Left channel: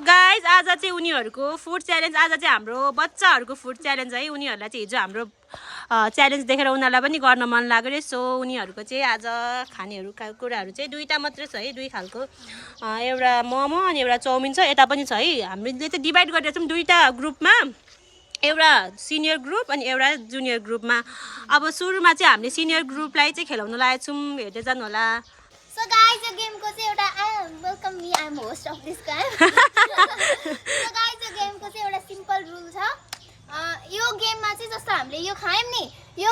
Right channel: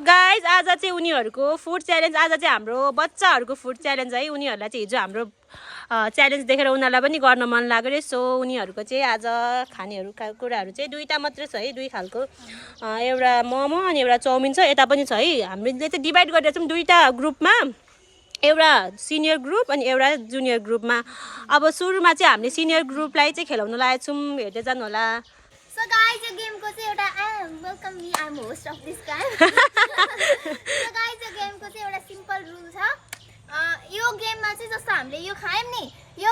Guys आज चाहिँ उनीहरूको फुड च्यालेन्ज आज चाहिँ हाम्रो बच्चाहरूको फुड च्यालेन्ज है। उनीहरूलाई चाहिँ हिजो हाम्रो च्यालेन्ज देखेर उनीहरूलाई पनि गर्न मन लाग्यो रे। सो उनीहरूको चाहिँ आज खानेहरू कुराहरू चाहिँ दुईवटा मात्रै छ है, दुई खालको। एउटा मोमो अनि एउटा चाउमिन छ। यता पनि छ है। हामीले चाहिँ डिभाइड गरेर छौँ दुईवटा ग्रुपमा, एउटा सिनियर ग्रुप अनि एउटा जुनियर ग्रुपमा। अब सुरुमा चाहिँ हामीले सिनियर ग्रुपलाई चाहिँ खेलाउन लागेको छौँ, हेर्दै जानु होला। So guys, यो गेमको चाहिँ एउटा welcome me I am host of this game. So guys, यो गेमको चाहिँ एउटा सिम्पल रुल छ। यो गेममा चाहिँ जस्तो हामीले यो खायौँ नि, यो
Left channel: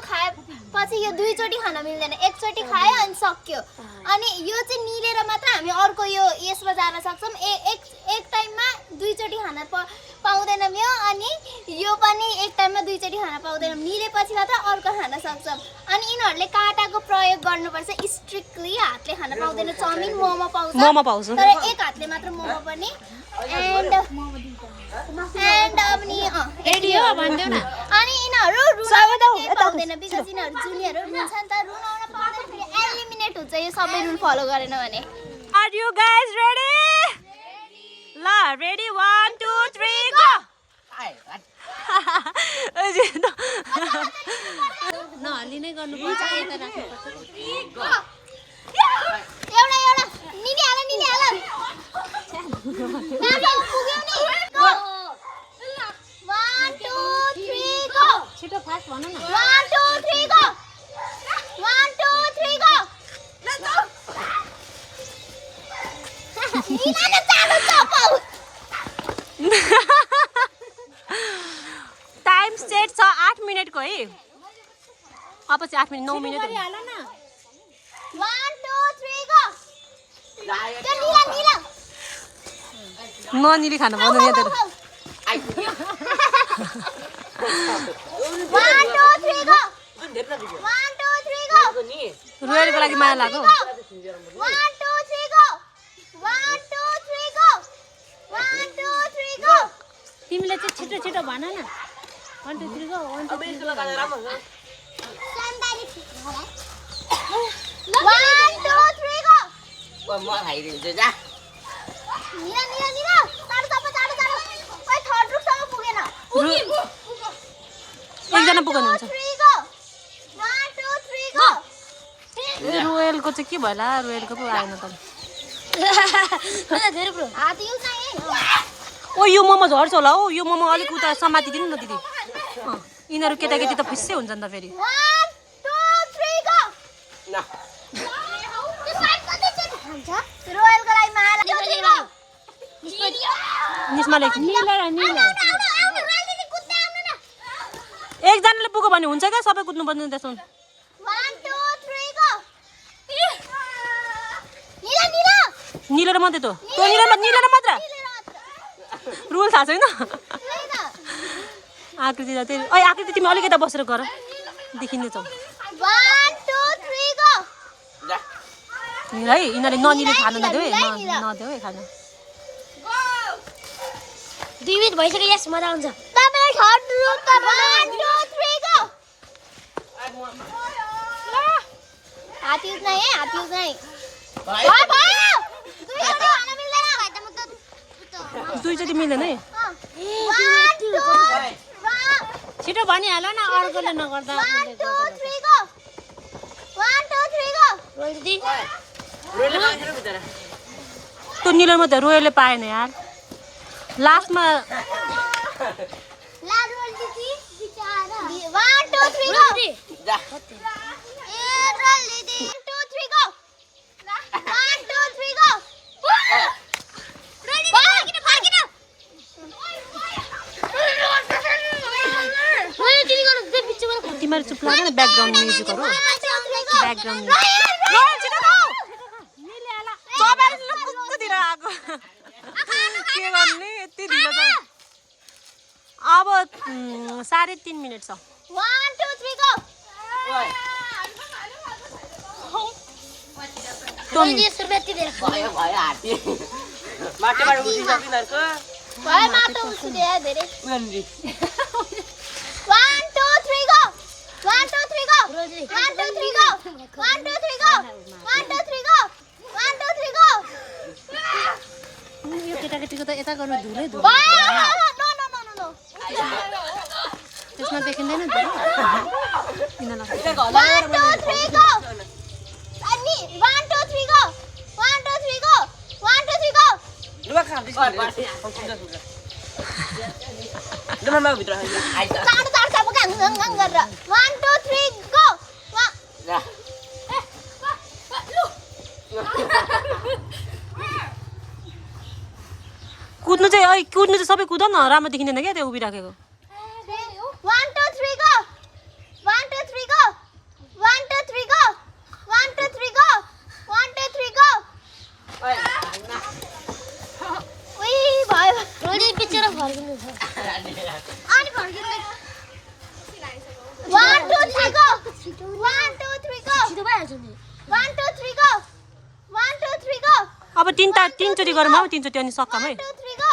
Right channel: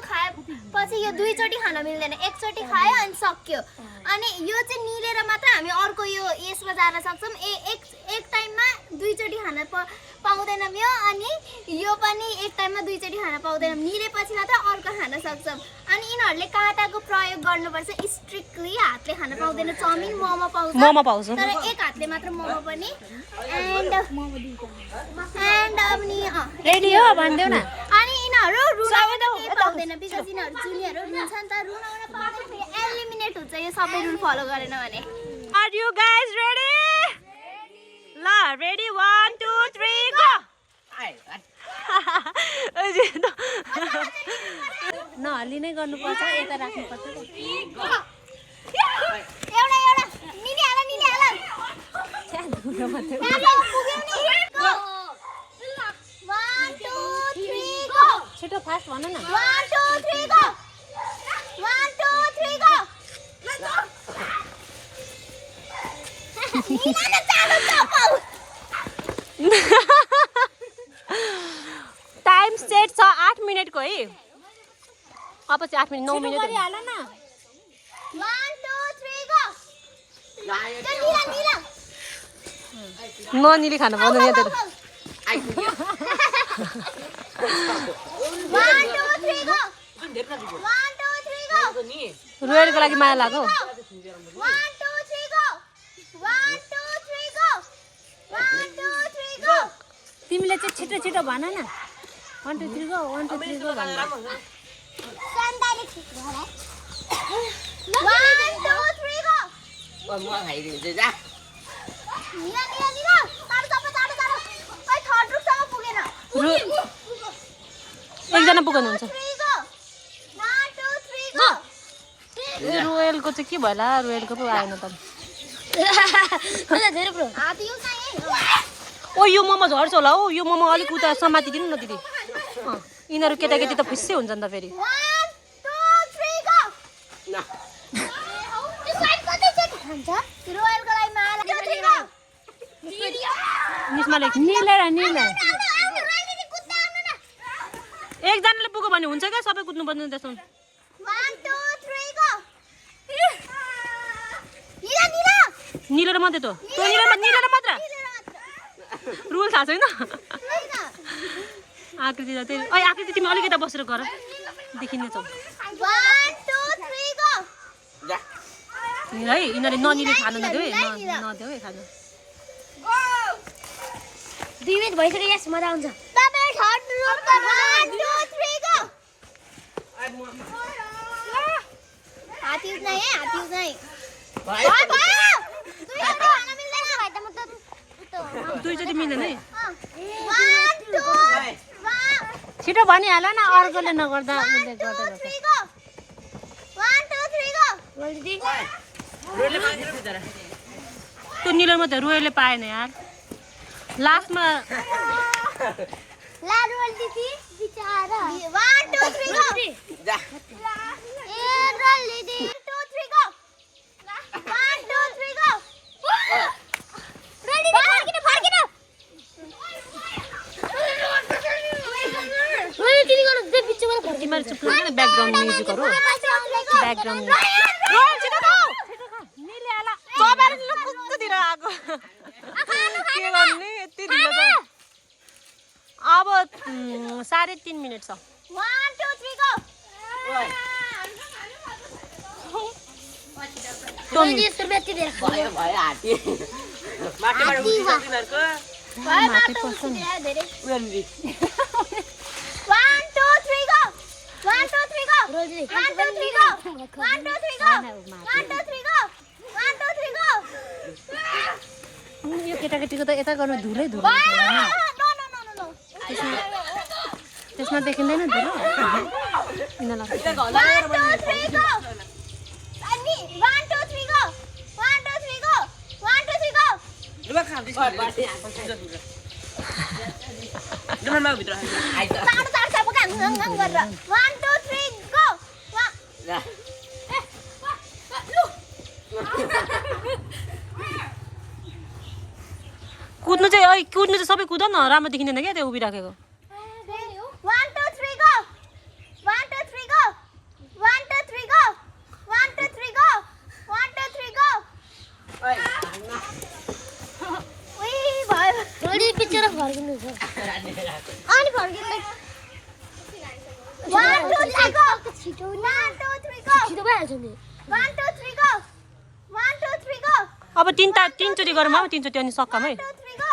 खाएपछि यो दुईचोटि खान मिल्दैन, एकचोटि खायो अनि सक्यो। अनि यो चाहिँ निलेर मात्र हामी अर्को यो यसमा जान सक्छौँ। एक टाइममा दुईचोटि खान पाउँदैनौँ यो, अनि यो पनि एक टाइममा दुईचोटि खान पाउँदैनौँ। निलेपछि मात्र अर्को खान सक्छौँ। अनि यिनीहरूले काँटाको प्रयोग गर्नुपर्छ स्ट्रिक्टली। हातले खान पाउँदैन। चाउमिन मोमो पाउँछ तर एक हातले मात्र मोमो पनि। एन्ड अब नि अनि यिनीहरू रुन पाउँदैन बिकज यिनीहरू जुनियर हो, रुन्छ नि त। रुनाउन पाउँदैन, फेरि एलिमिनेट हुन्छ यो सबै रुल फलो गरेन भने। Are you guys ready? ल रेडी 1 2 3 गो। नहल्ली नै गर्नुपर्छ, यता राख्नुपर्छ। एउटा निनी हाल छिटो फास्ट भन्नु न। 1 2 3 गो। 1 2 3 गो। निनाले चाँडो चपाउ। टाइम सेट छ 8 मिनेटको है। अब चाहिँ 8 मिनेट 9 मिनेट हो। 1 2 3 गो। निला ननिले खानु पाउँदैन यहाँ तेरो। 1 2 3 गो। 1 2 3 गो। रोयलको लागि माया लाग्यो। 1 2 3 गो। 1 2 3 गो। 1 2 3 गो। तिमीले चाहिँ छिटो छिटो भन न। 1 2 3 गो 1 2 3 गो। सन्तानी छिटो भन। 1 2 3 गो। म खाइदिन्छु जा। निला चाँडो। ओइ थर्ड ग्रुपसँग पुगेन। एकजना पुग्नु हुन्छ। 3 गो। 1 2 3 गो। रोयलको चाहिँ के भयो होला, रोयलको पो आएन त। धेरै ब्रो। हात युज नै। ओ यो मोमो झर्छ होला हौ। यो मोमो अलिक उता समातिदिनु न दिदी। यिनीहरू केटाकेटी त खुसी हुन्छ नि त फेरि। 1 2 3 गो। न त्यो साइड कतै छ हुन्छ? रोयलको लागि माया लाग्यो। 3 गो। निस्मा लेख। एकजनाले पुग्यो भने हुन्छ क्या, सबै कुद्नु पर्दैन त्यसमा। 1 2 3 गो। निलेर मात्रै त निलेर मात्र रुल थाहा छैन। आकृति त त्यही। ओइ आकृति तिमी अलिकति बसेर गर, देखिँदैछ। 1 2 3 गो। जा। है यिनीहरूले ननिले खानु नदेऊ है, नदेऊ है खानु। 2 मिनेट भइसक्यो। यस मजा आउँछ। तपाईले थर्ड ग्रुपमा 1 2 3 गो। हात युज नै है, हात युज नै। भयो। दुईवटा खान मिल्दैन भाइ त म त दुईचोटि मिल्दैन है। 1 2 छिटो भनिहाल न, अर्कोले नगर्दा। 1 2 3 गो। 1 2 3 गो। रोल दिदी। त्यो निलेर मात्रै रोयलले पाएन यार लास्टमा। ला रोल दिदी बिचारा। 1 2 3 गो। जा। ए रोल दिदी। 1 2 3 गो। 1 2 3 गो। रोल दिदी फर्किन। ओए तिमी गर्नु दे बिचमा फर्क। तिमीहरू चुप लाग न, ब्याकग्राउन्ड म्युजिकहरू। Background music. रोयल छिटो गाउ। सबैले लुक्कतिर आएको। के गर्ने यति ढिलो छ। अब 3.5 मिनेट छ। 1 2 3 गो। भयो हाती। माटोबाट उठिसक्यो तिनीहरूको। भयो माटो उछिने धेरै। उयो नि। 1 2 3 go. 1 2 3 go. 1 2 3 go. 1 2 3 go. 1 2 3 go. 1 2 3 go. केटाकेटीको त यता गर्नु धुलै धुलो no no no no no त्यसमा देखिँदैन नि त यिनीहरूलाई 1 2 3 go अनि 1 2 3 go 1 2 3 go 1 2 3 go लुगा खाँदैछ ओइ बाटे आको सुन्छ सुन्छ डरमा भित्र आइज चाड चाड चाड गाङ गाङ गाङ गरेर 1 2 3 go जा कुद्नु चाहिँ सबै कुद न राम्रो देखिँदैन क्या त्यो उभिराखेको 1 2 3 go 1 2 3 go 1 2 3 go 1 2 3 go 1 2 3 go ओइ उई भयो रोडी पिक्चर फर्किनु छ अनि फर्किनु 1 2 3 go 1 2 3 go छिटो भइहाल्छ नि 1 2 3 go 1 2 3 go अब तीनचोटि गरौँ अब तीनचोटि अनि सक्काम है 1 2 3 go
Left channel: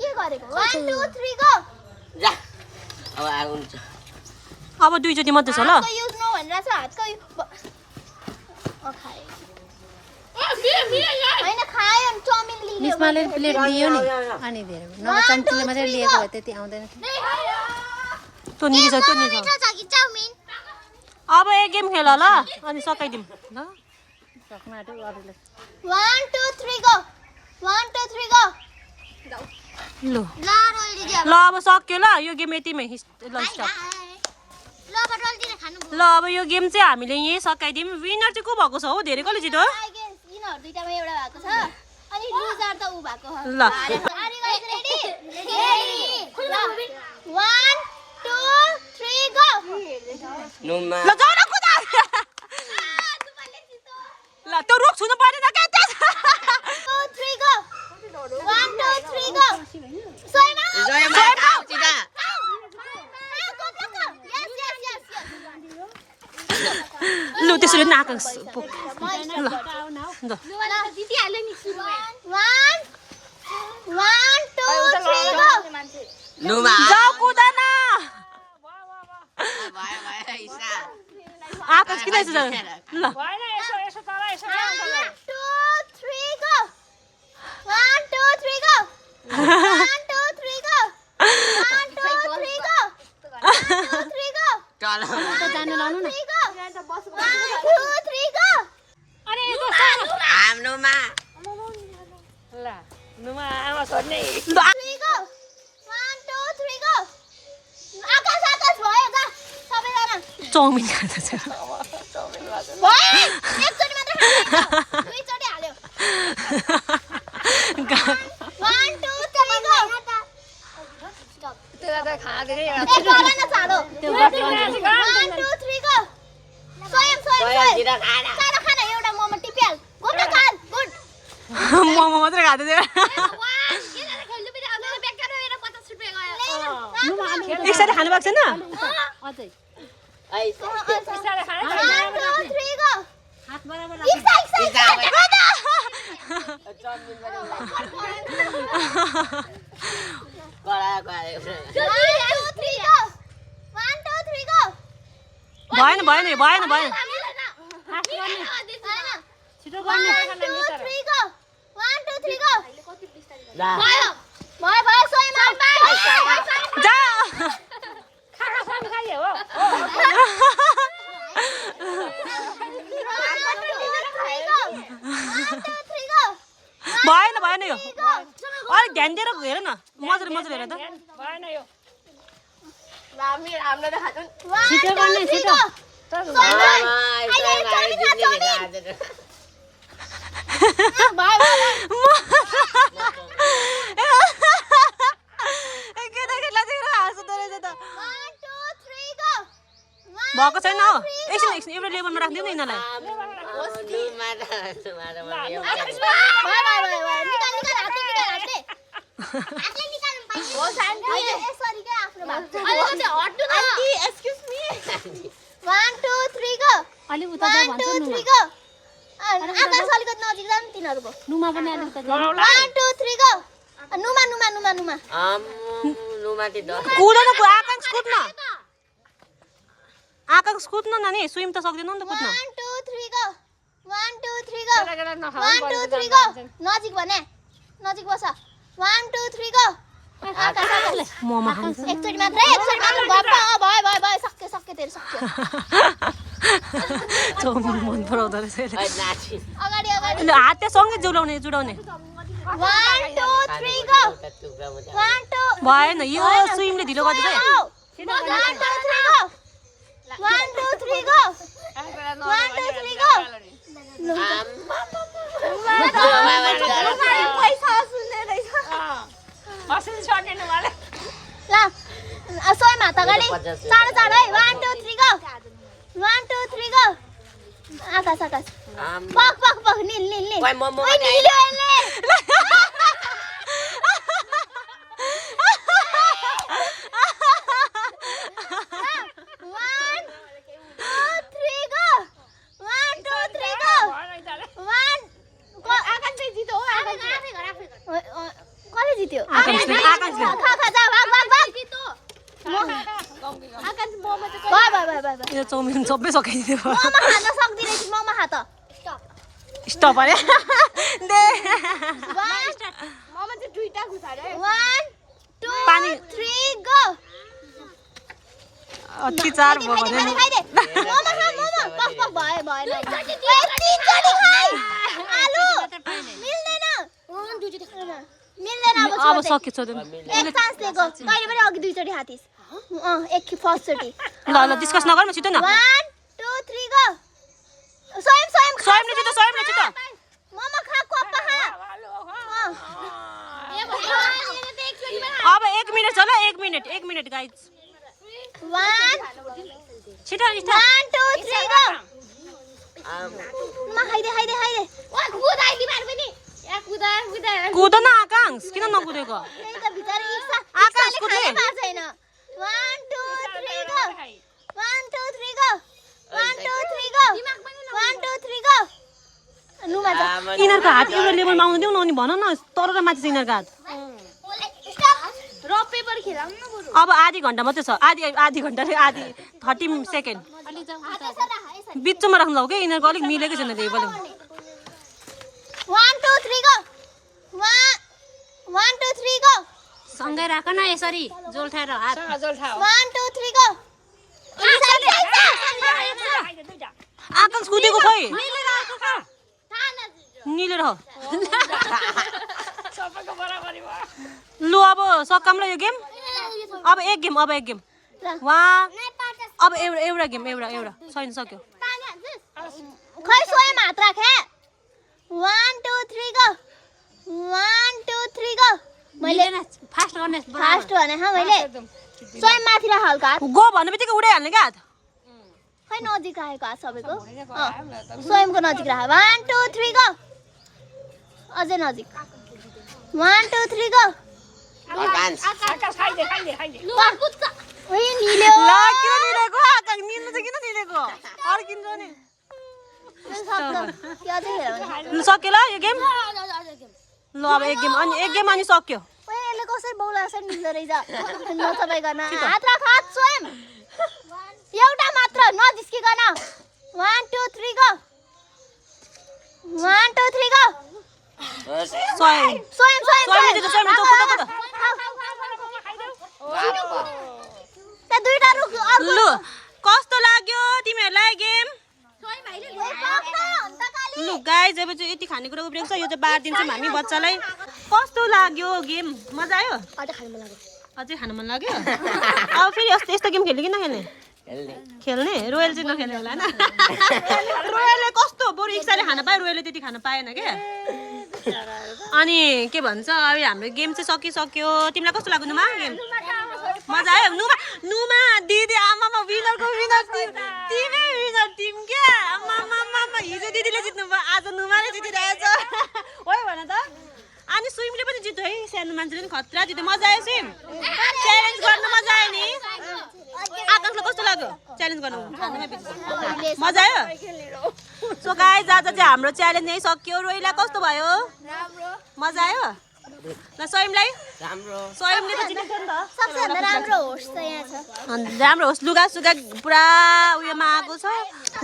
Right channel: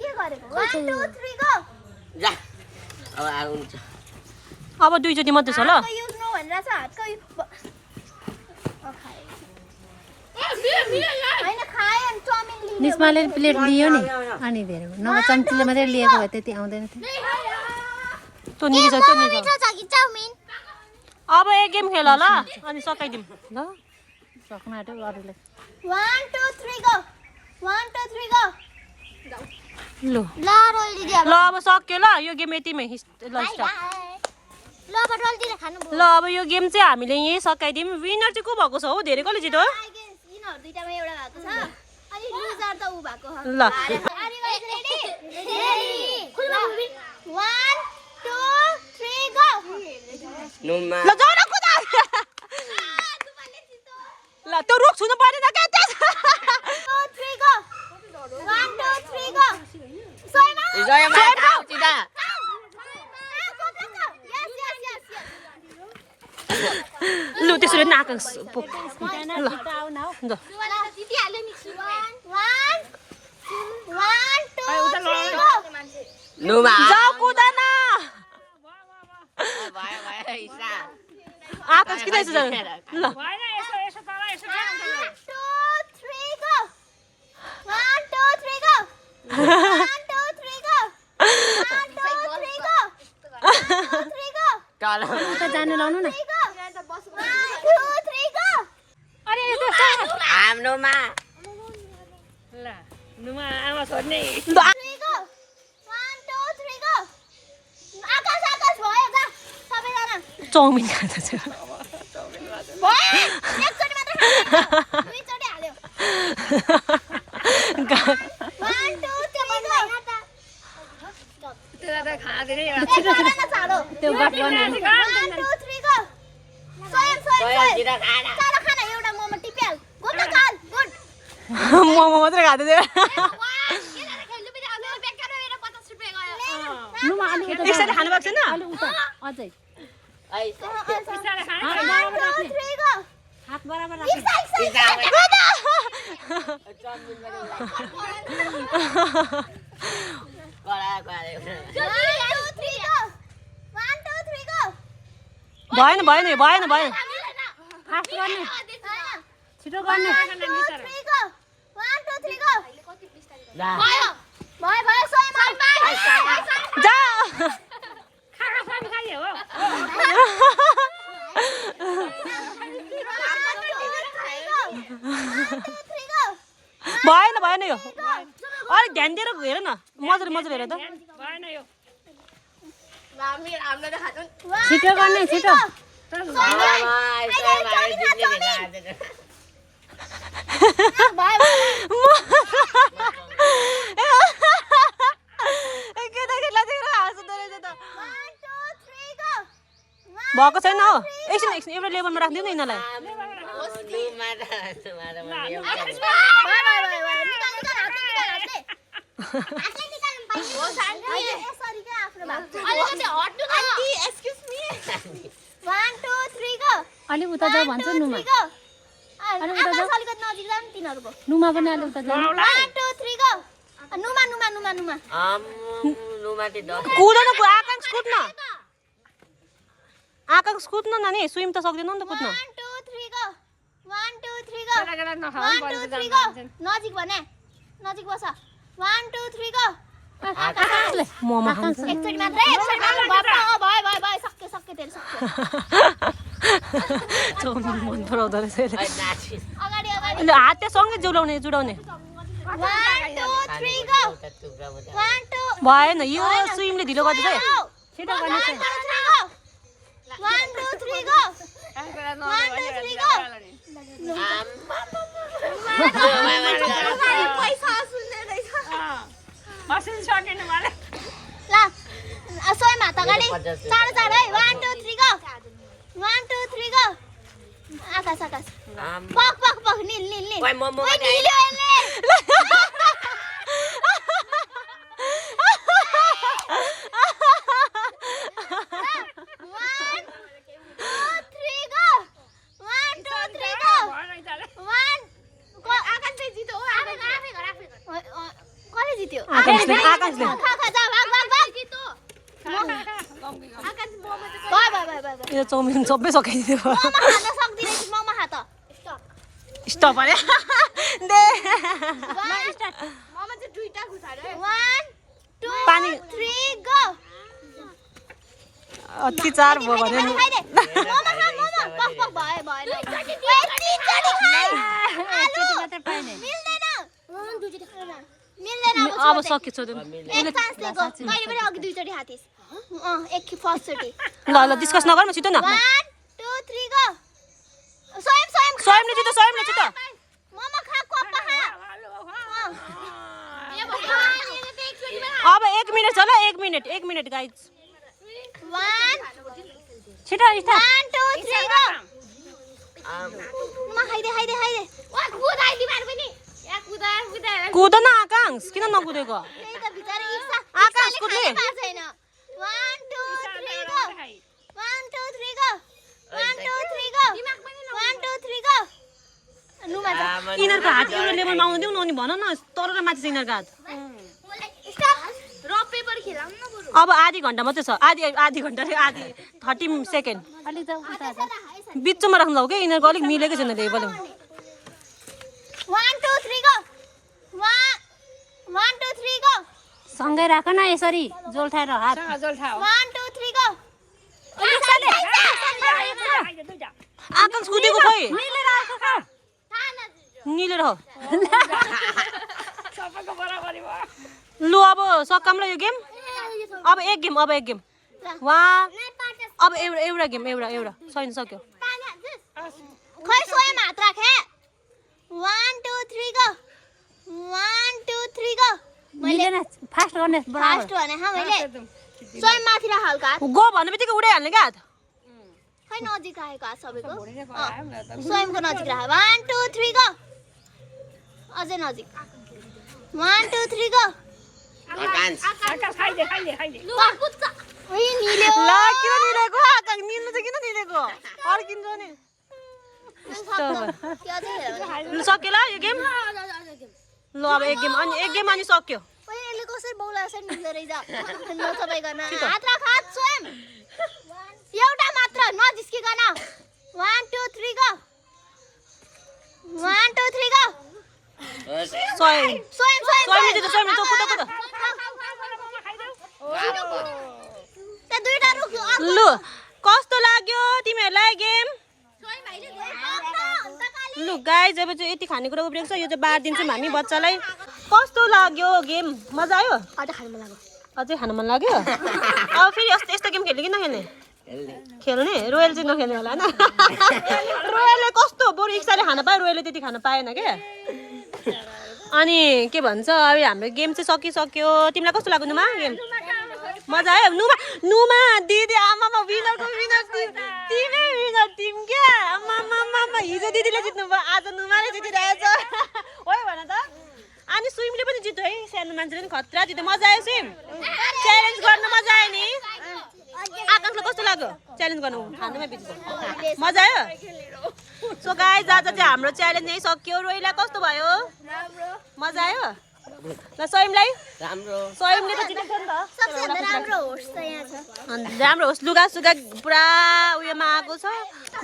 के गरेको 1 2 3 go जा अब आउनु छ अब दुईचोटि मात्रै छ ल हातको युज नभनेर छ हातको हैन खायो नि चाउमिन लिने निस्माले प्लेट दियो नि अनि धेरै नभए चम्चीले मात्रै लिएको भए त्यति आउँदैन थियो त्यो निकै छ चाउमिन अब एक गेम खेल ल अनि सकाइदिउँ ल सक्नु आँट्यो अरूले 1 2 3 go 1 2 3 go ल ल रोल दिदिया ल अब सक्यो ल यो गेम यतिमै ल स्टप ल अब रोल दिएर खानु ल अब यो गेम चाहिँ हामीले यहीँ सकाइदिउँ विनर चाहिँ को भएको छ हौ धेरै कसले जित्यो यिनीहरु दुईटामा एउटा भएको छ अनि लुजर त उ भएको हो ल रेडी 1 2 3 go नुमा ल जाऊ न कुदा ल त्यो रुख छुनु पर्दैन क्या 2 3 go 1 2 3 go सोइमा जयमा सिधा लु त्यसरी नाक ल ल दिदिहाल्यो नि 1 2 3 go नुमा जाऊ कुदा न भयो भयो इसा आकाश किन यसो ल 1 2 3 go 1 2 3 go 1 2 3 go 1 2 3 go 1 2 3 go चल जानु लाउनु न 3 go 1 2 3 go आम नुमा ल नुमा आमा छोड्ने 3 go 1 2 3 go आकाश आकाश भयो जा सबैजना चाउमिन खाँदा चाहिँ भयो एकचोटि मात्र दुईचोटि हाल्यो 1 2 3 go त्यो त खाँदैन एक गरा न चालो 1 2 3 go स्वयं सोयातिर खाना चल खाना एउटा मोमो टिपिहाल गुड चाल गुड मोमो मात्रै खाँदै थियो खेल्नु पनि आउँदैन बेकार भएर 50 रुपैयाँ गयो एकसाथ खानु भएको छैन अझै आइ 1 2 3 go हात बराबर इक्सा इक्सा गरा गरा 1 2 3 go 1 2 3 go भएन फास्ट गर्ने छिटो गर्ने 1 2 3 go 1 2 3 go जा भयो भयो भयो स्वयं जा खाना पनि खाइयो हो भएन यो अलिक ध्यान दिएर हेर न मजाले हेर त भएन यो हामीले त खान्छौँ छिटो गर्ने छिटो केटाकेटीलाई चाहिँ हाँस्दो रहेछ त भएको छैन हो एकछिन एउटा लेभलमा राखिदिउँ न यिनीहरूलाई अलिक उता जाऊ भन्छ नुमा नुमा पनि अलिक उता जाऊ कुद न आकाङ्क्ष कुद्न आकाङ्क्ष कुद्न नानी स्विम त सक्दैन नि त कुद्न नजिक भने नजिक बस 1 2 3 गो मोमो खान्छ एकचोटी मात्रै गप्प भयो सक्यो तेरो सक्यो चाउमिन मन पराउँदो रहेछ यसले। नाचिस अगाडि ल हात त्यहाँ सँगै जुडाउने 1 2 3 गो 1 2 भएन यो स्विमले ढिलो गर्दैछ है। 1 2 3 गो 1 2 3 गो पैसा सुन्ने रहेछ असुल छोड्दैन मलाई ल सोही मात अगाडि चाँडो चाँडो है 1 2 3 गो 1 2 3 गो आकाश पक निल कोही मोमो ओइ, निल्यो यसले। 1 2 3 गो 1 2 3 गो 1 आकाश चाहिँ जित्यो हो कसले जित्यो आकाशले खा जा भाग जित्यो आकाश मोमो चाहिँ यो चाउमिन सबै सकाइदियो मोमो खान सक्दिनँ मोमो खा त स्टप अरे दे मोमो चाहिँ दुईटा घुसाएर 1 2 पानी 3 गो अति चार भयो भने नि मोमो भयो मिल्दैन अब सक्यो छोड्दैन एक चान्स दिएको कहिले पनि अघि दुईचोटि खाथिस एक फर्स्ट चोटि ल डिस्कस नगरौँ छिटो न 1 2 3 गो स्वयं स्वयंले जित्यो मोमो खा कोप्पा खा अब 1 मिनेट छ ल 1 मिनेट गाइज 1 छिटो 1 2 3 गो म खाइदे ओइ कुदाइ लिमार पनि या कुदाइ कुद न आकाश किन नकुदेको त्यही त भित्र इच्छा आकाश कुद्ने छैन 1 2 3 go 1 2 3 go 1 2 3 go 1 2 3 go Luma जा यिनीहरूको हात एउटा लेभलमा आउनु देऊ न अनि भन न तर र माथि छ यिनीहरूको हात स्टप रक पेपर खेलाउँ न बरु अब आधी घन्टा मात्रै छ आधी घन्टा चाहिँ आधी 30 सेकेन्ड बिचमा राख्नु जाऊ क्या यिनीहरूको अलिक मिलेकै छैन लेभल 1 2 3 गो 1 2 3 गो सँगै राख न यसरी जोल्ठाएर हात 1 2 3 गो आकाश कुदेको खोइ निलेर हो लु अब सकाम ल यो गेम अब एक गेम वहाँ अब एउटा गेम एउटा छैन सक्यो खै स्वयं हात राखे 1 2 3 गो 1 2 3 गो मैले फास्ट गर्ने फास्ट भने मैले स्वयं माथि राख हल्का हात गो भन्ने बित्तिकै उडाइहाल्ने क्या हात खै नजिक आएको हात सबैको स्वयंको नजिक राख 1 2 3 गो अझै नजिक 1 2 3 गो आकाश ओइ निल्यो ल किन निलेको आकाश निल्नु चाहिँ किन निलेको फर्किन्छ नि ल सक्यो ल यो गेम ल अब एक गेम अनि सक्यो ओइ यसले कसरी बौलाछ निल्दो रहेछ नसबाइकन हात राख हात स्वयं एउटा मात्र नजिस्किकन 1 2 3 गो 1 2 3 गो स्वयं स्वयं त कुद त्या दुईटा रुक लु कस्तो लाग्यो तिमीहरूलाई गेम लु गाइज अब चाहिँ यति खानेकुरा उब्रेको छ यो चाहिँ बाँडिदिन्छौँ हामी बच्चालाई कस्तो लाग्यो गेम मजा आयो अझै खानु मन लाग्यो अब फेरि यस्तो गेम खेल्ने कि नखेल्ने खेल्ने रोयल चाहिँ नखेल्ने होला होइन रोयलले कस्तो बरु इच्छाले खान पायो रोयलले त्यति खान पाएन क्या अनि के भन्छ अब हाम्रो गेम चाहिँ सकिसक्यो तिमीलाई कस्तो लाग्यो नुमा गेम मजा आयो नुमा दिदी आमामा विनरको विनर तिमी विनर टिम क्या आमामा हिजो दिदीले जित्नु भयो आज नुमाले जितिरहेछ हो भन त अनि स्विमले पनि जित्यो है सानो मान्छेले पनि खतरा जित्यो मजा आयो सिम च्यालेन्ज गर्न मजा आयो नि आकाशलाई कस्तो लाग्यो च्यालेन्ज गर्नु खानुमा बित्छ मजा आयो सो गाइज आज चाहिँ हाम्रो च्यालेन्ज यही सक्यो रोइला कस्तो भयो मजा आयो ल स्वयंलाई स्वयंले त जितेको नि त राम्रो होस् लुगा सुगा पुरा उयोमा आएको छ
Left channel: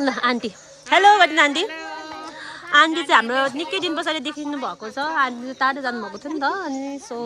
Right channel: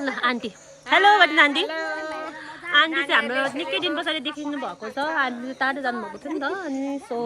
ल आन्टी हेलो भन्नु आन्टी आन्टी चाहिँ हाम्रो निकै दिन पछाडि देखिनु भएको छ। आन्टी टाढो जानुभएको थियो नि त अनि सो